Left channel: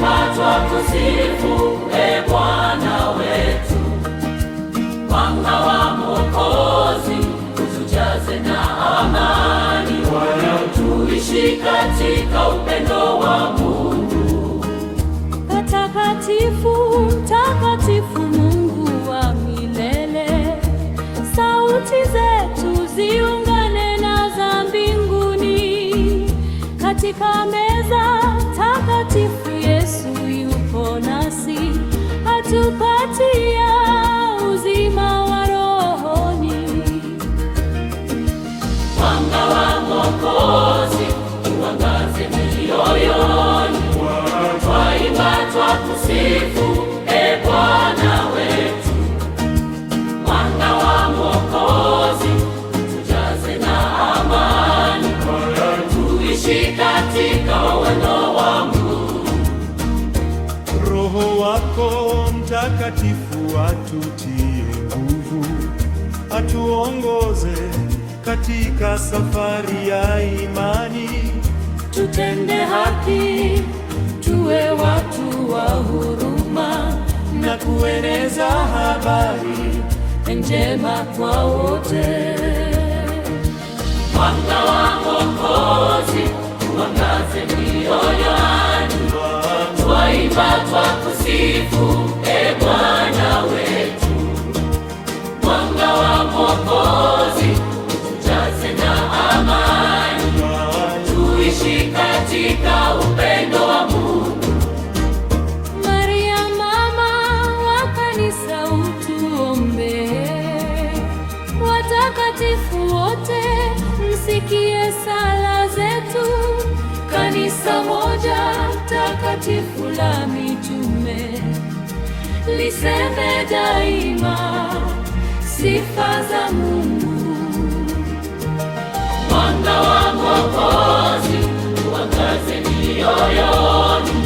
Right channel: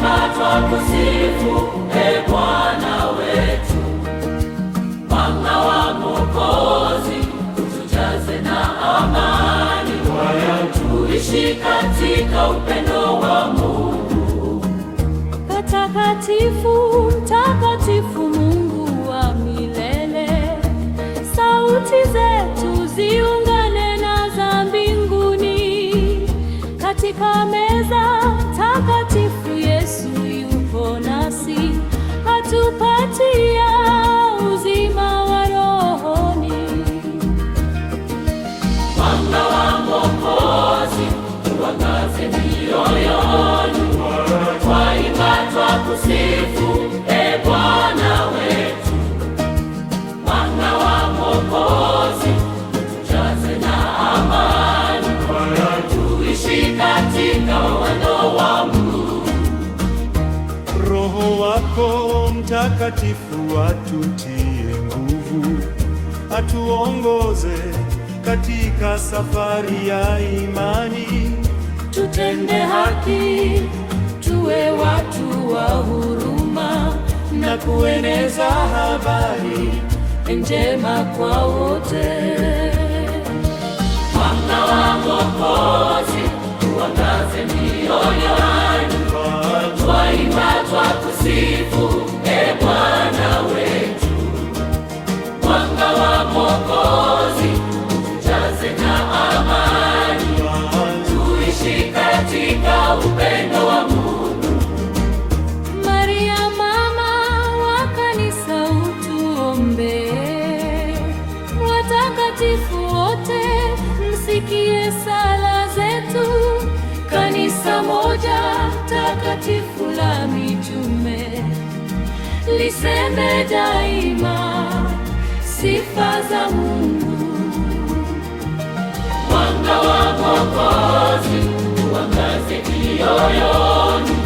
Twaimba twakusifu, e Bwana wetu. Mwanga wa Mwokozi utujaze na amani, tuishi katika upendo wa Mungu. Patakatifu, mtakatifu, Mungu wa milele, sauti zetu ziungane na za mbinguni. Katika meza takatifu Yesu yupo nasi, atupatia uzima wa rohoni. Mwanga wa Mwokozi uangaze mioyoni, twaimba twakusifu, e Bwana wetu. Mwanga wa Mwokozi utujaze na amani, tuishi katika uwendo wa Mungu. Roho wako Mtakatifu atutie nguvu, atuongoze katika safari ya imani. Tutende haki, tuwe watu wa huruma, na kueneza habari njema kwa wote. Mwanga wa Mwokozi uangaze mioyoni, twaimba twakusifu, e Bwana wetu. Mwanga wa Mwokozi utujaze na amani, tuishi katika upendo wa Mungu. Maria mama wa kanisa utuombee. Watakatifu wote msikie sala zetu. Kanisa moja takatifu la mitume liseme daima sifa za Mungu. Mwanga wa Mwokozi uangaze mioyoni,